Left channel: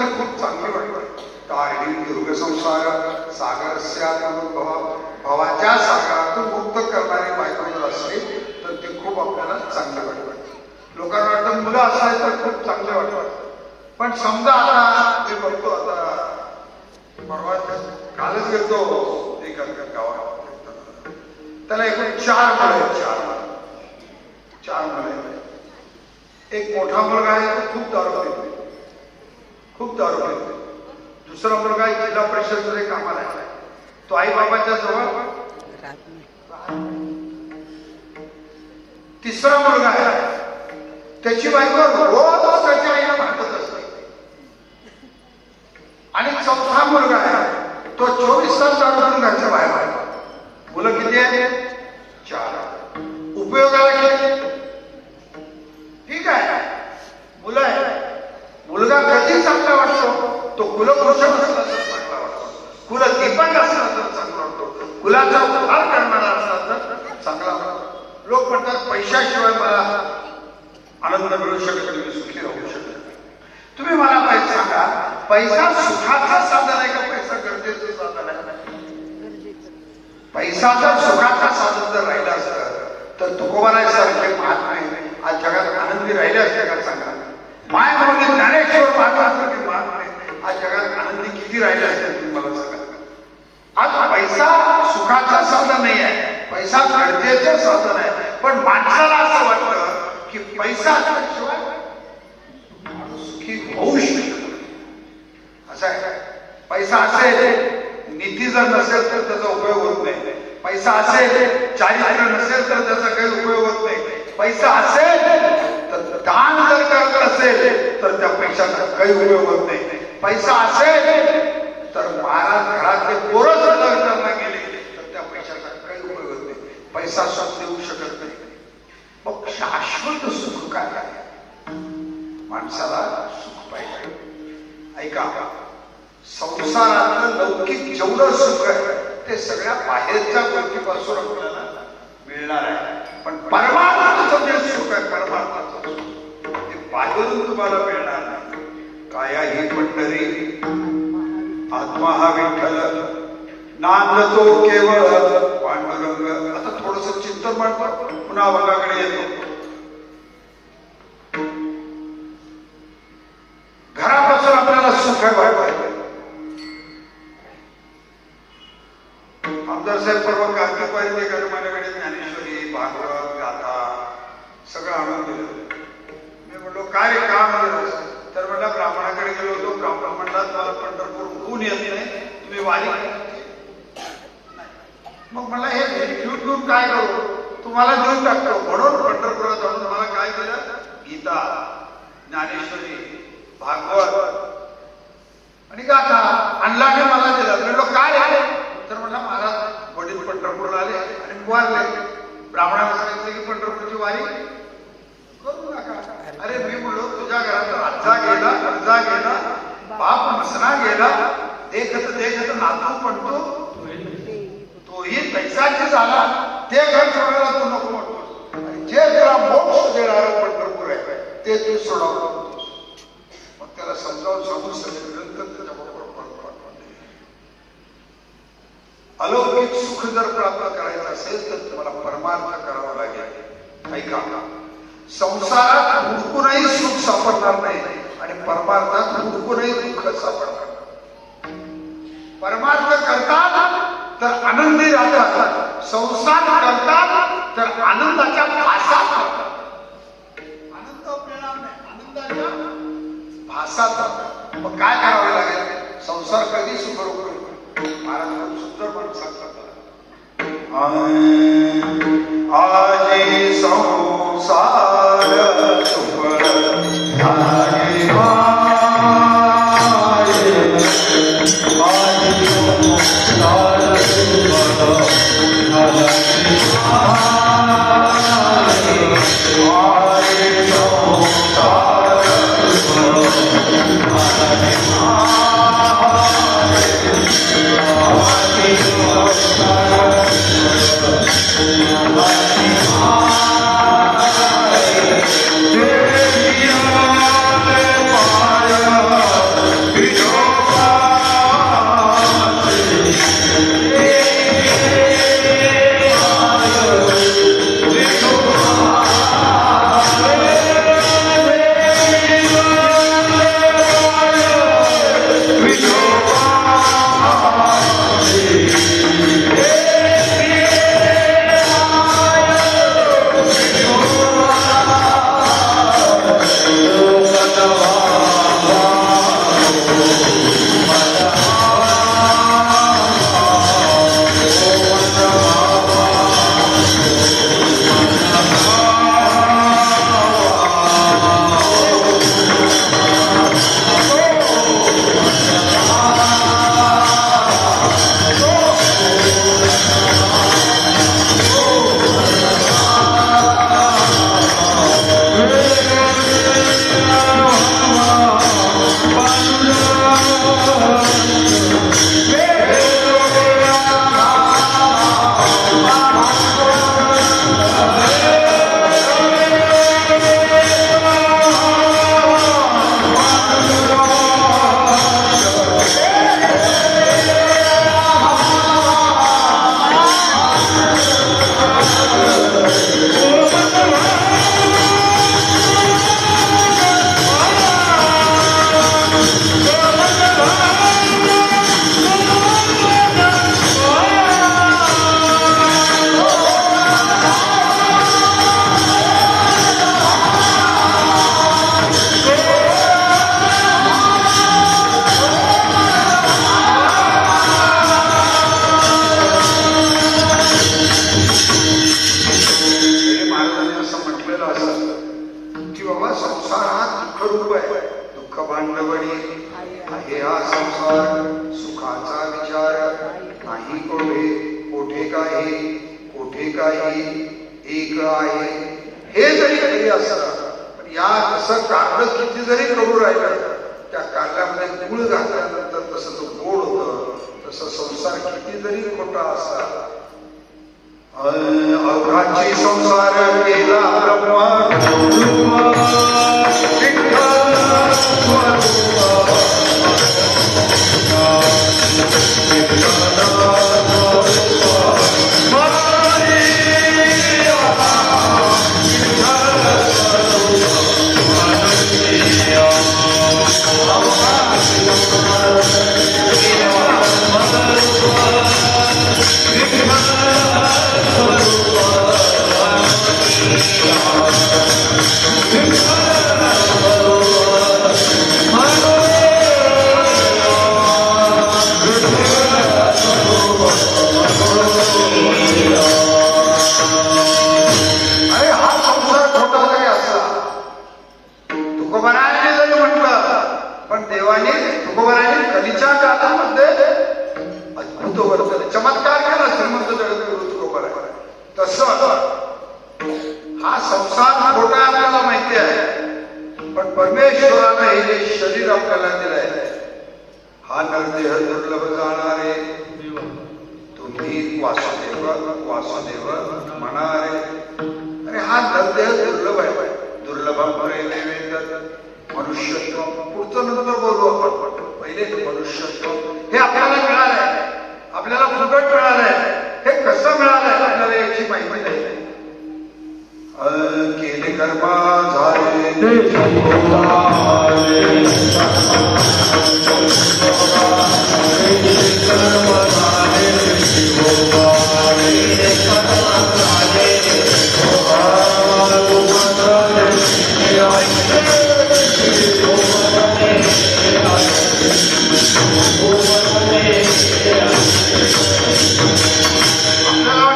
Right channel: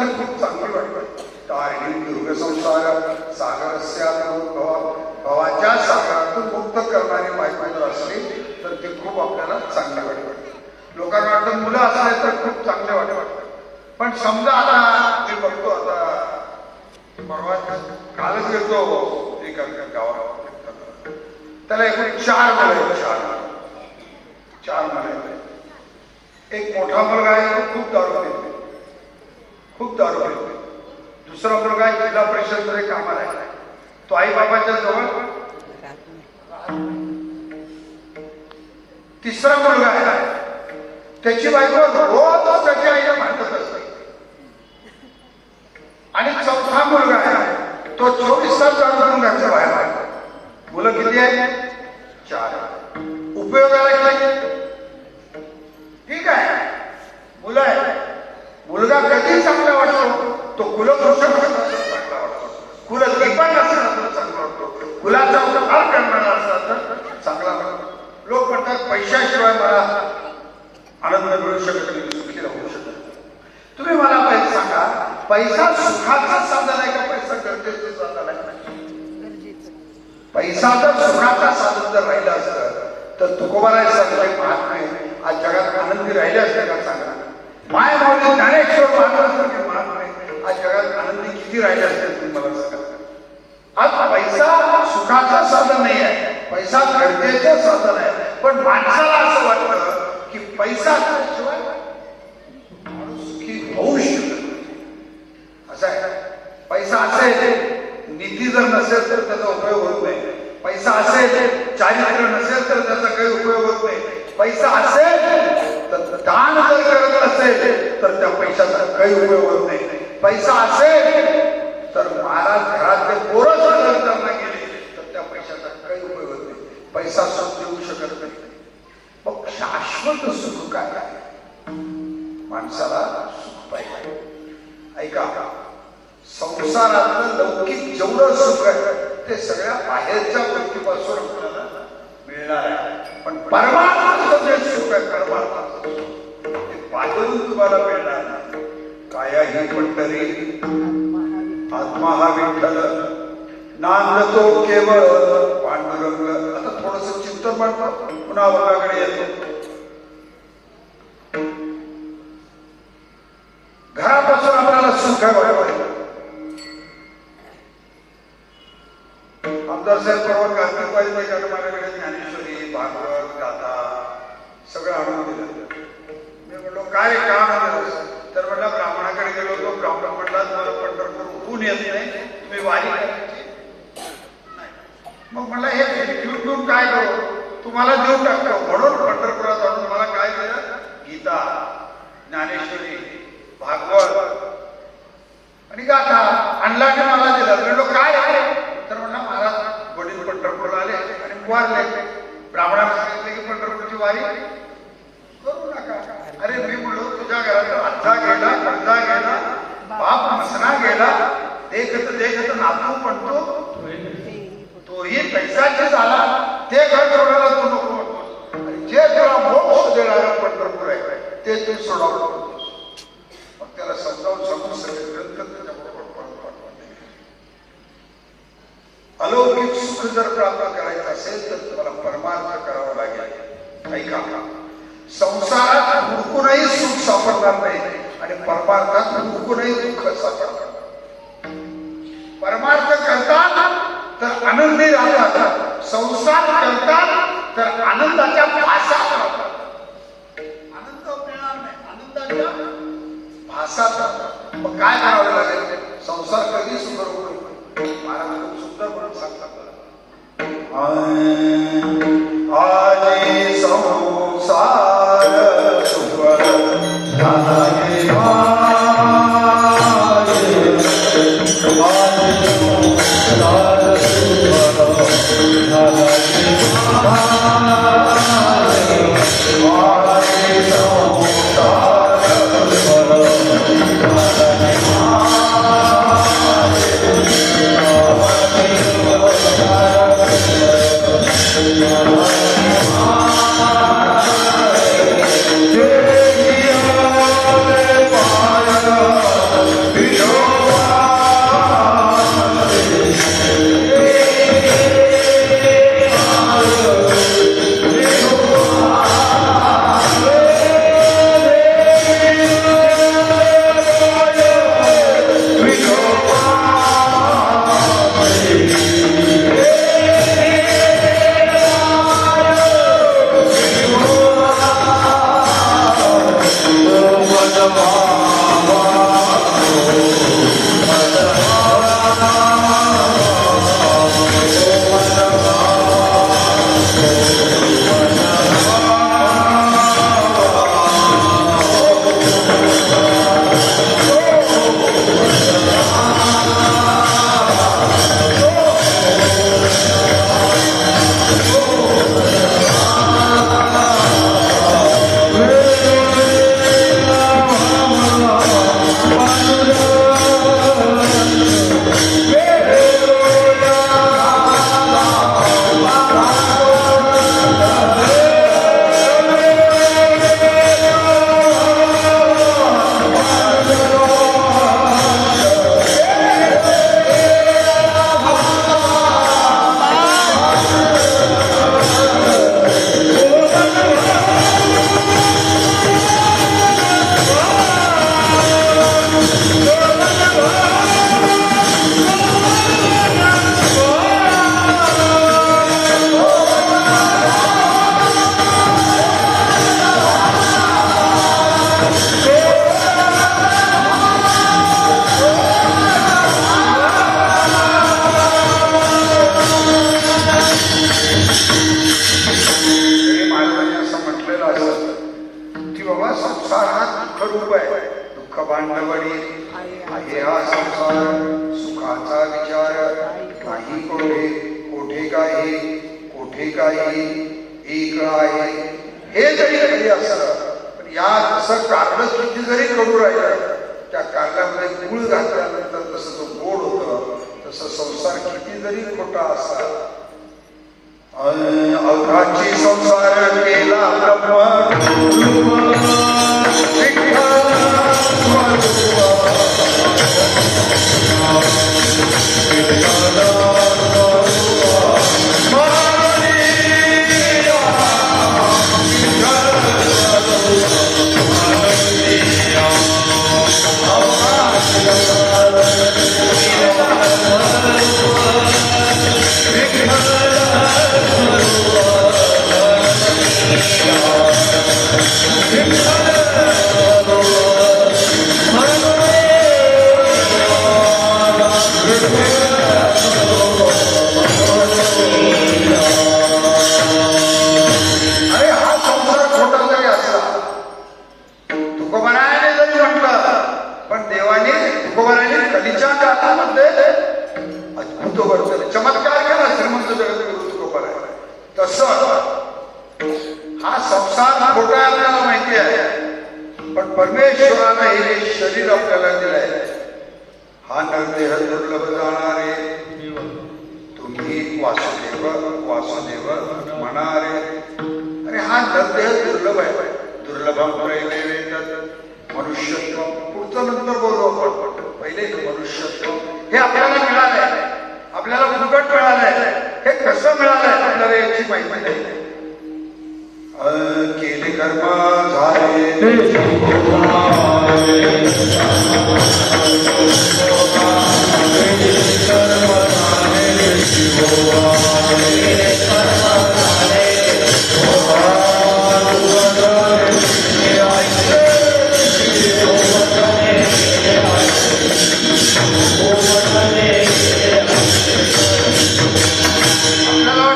ती खूप चांगली वाटते. तारणी दीर्घ संसार सागरस्या भवाच्या सागरातून मुक्त करणारी बायको असली तर ते खूप आपल्याला चांगले वाटते. लोकांना वाटतं मुलं असले तर खूप चांगले वाटतात. पण समजा आता मी बघतो आता कालच गेलो एका गावात, त्याला एक चार मुलं आहेत. एक मोठा मुलगा आहे तो खूप दारू पितो. दुसरा मुलगा आहे जिल्हा परिषदमध्ये कामाला आहे. तो आई बाबाच्या जवळ. तिसरा मुलगा आहे त्याची बायको रोज त्याच्या आईला भांडत असते. आणि चौथा मुलगा आहे तो 24 तास दारू पिऊन घरच्या बाहेर आहे. मुलं किती आहेत? 4. उपयोगाला किती? ठीक आहे, मुलं आहे. मुलगा कधी चांगला वाटतो? तो कुलभूषण असला तर चांगला वाटतो, कुलदीपक असला तर चांगला वाटतो, कुलाचा उद्धार करणारा असला तर चांगला वाटतो. लोक म्हणतात पैशाशिवाय मला आनंद मिळू शकत नाही, सुखी राहू शकत नाही. तुम्ही मला पैसा सांगा, पैसा सुखाचा साधन आहे का पैसा गरजेचे साधन आहे? पैसा जर सुखाचा साधन जर राहिला असतं तर तुकोबारासारखे महात्मे आज जगात आनंदी राहिले असते का? सांगा. माय मौली ज्ञानेश्वर महात्मासारखे महात्मे आज जगात आनंदी किती राहिले असते तुम्ही मला सांगा. आज पैसा सुखाचं साधन नाही आहे, पैसा गरजेचं साधन आहे. पण माणसाला असं वाटतं की पैसा असल्याशिवाय माणूस सुखी होऊ शकतो. असं आहे. पैसा असेल, नीती जर नसेल तर त्याचा उपयोग होत नाही. पैसा असेल, चारित्र्य नसेल तर त्याचा काही उपयोग होत नाही. पैसा असेल तर दान जर करत असेल तर त्या पैशाचा काही उपयोग होत नाही. पैसा असेल तर महाराज घरातले पोरं जर त्यांना गेले तर त्या पैशाचा काही उपयोग होत नाही. पैसा सुख देऊ शकत नाही. मग शाश्वत सुख काय आहे? माणसाला सुख पाहिजे. ऐका, संसारातलं लौकिक जेवढं सुख आहे ते सगळ्या बाहेरच्या गोष्टीपासून आपल्याला मिळणार आहे. पण परमार्थाचं जे सुख आहे, परमार्थाचं ते बाहेरून तुम्हाला मिळणार नाही. काया ही पंढरी, आत्मा हा विठ्ठल, नांदतो केवळ पांडुरंग. आता थोडस चिंतन म्हणतो, पुन्हा वर्गाकडे येतो. घरापासून आपल्याला सुख वाटतं. आमदारसाहेब परवा कार्तिकवारी ते माझ्याकडे ज्ञानेश्वरी, भागवत, गाथा सगळं आणून दिलं. मी म्हटलं काय काम आलं? तर म्हटलं ब्राह्मणाकडे गेलो होतो. ब्राह्मण म्हटला तुम्हाला पंढरपूर ऊन येत नाही, तुम्ही वारी करायची नाही. मग म्हटलं हे भेट घेऊन काय करू? तुम्हाला देऊन टाकतो. म्हणून पंढरपुरात आणून मला काय केलं? गीता, ज्ञानेश्वरी, भागवत आणि गाथा आणला की मला दिलं. म्हटलं काय आहे? तर म्हणला महाराज वडील पंढरपूर आले आणि वारले. ब्राह्मणाने सांगितलं की पंढरपूरची वारी करू नका. अरे मी म्हणलो तुझ्या घरात आजा गेला, गंजा गेला, बाप मसना गेला, देखत नातू म्हणतो तोही पैशाची झाला, ते घर ठेवायला तू नको म्हणतोस. आणि जे त्याला मोक्ष देणारं पंढरपूर आहे ते तू सोडवतो. मग त्याला समजावून सांगून सगळं अलौकिक सुख जर प्राप्त करायचं असेल तर तुम्हाला परमार्थ करावा लागेल. ऐका, संसारात हुडकूनही सुख सापडणार नाही आणि परमार्थात हुडकूनही दुःख सापडणार. परमार्थ करतात तर आनंदी राहतात, संसार करतात तर आनंदाच्या भासात राहतात. आनंद मिळणार नाही, आनंदाच्या भासात राहतात. मग काय करावे लागेल? संसार कधी सुरू होईल? सुंदर पण सांगतात आजी संसार सुपर Thank you. रूप आहे. दुःख भांडवडी आहे हा संसार, सुखाचा विचार नाही कोठे, कोठे काही एक आहे. हे जरी काही असलं पण या तसं कारलं किती जरी कडू राहिलं, त्या कारल्यामध्ये गुळ घातल्यानंतर तसं तो गोड होतं. तसं संसार किती जरी खोटा असला, अवघाची संसार केला केले कर्म झाले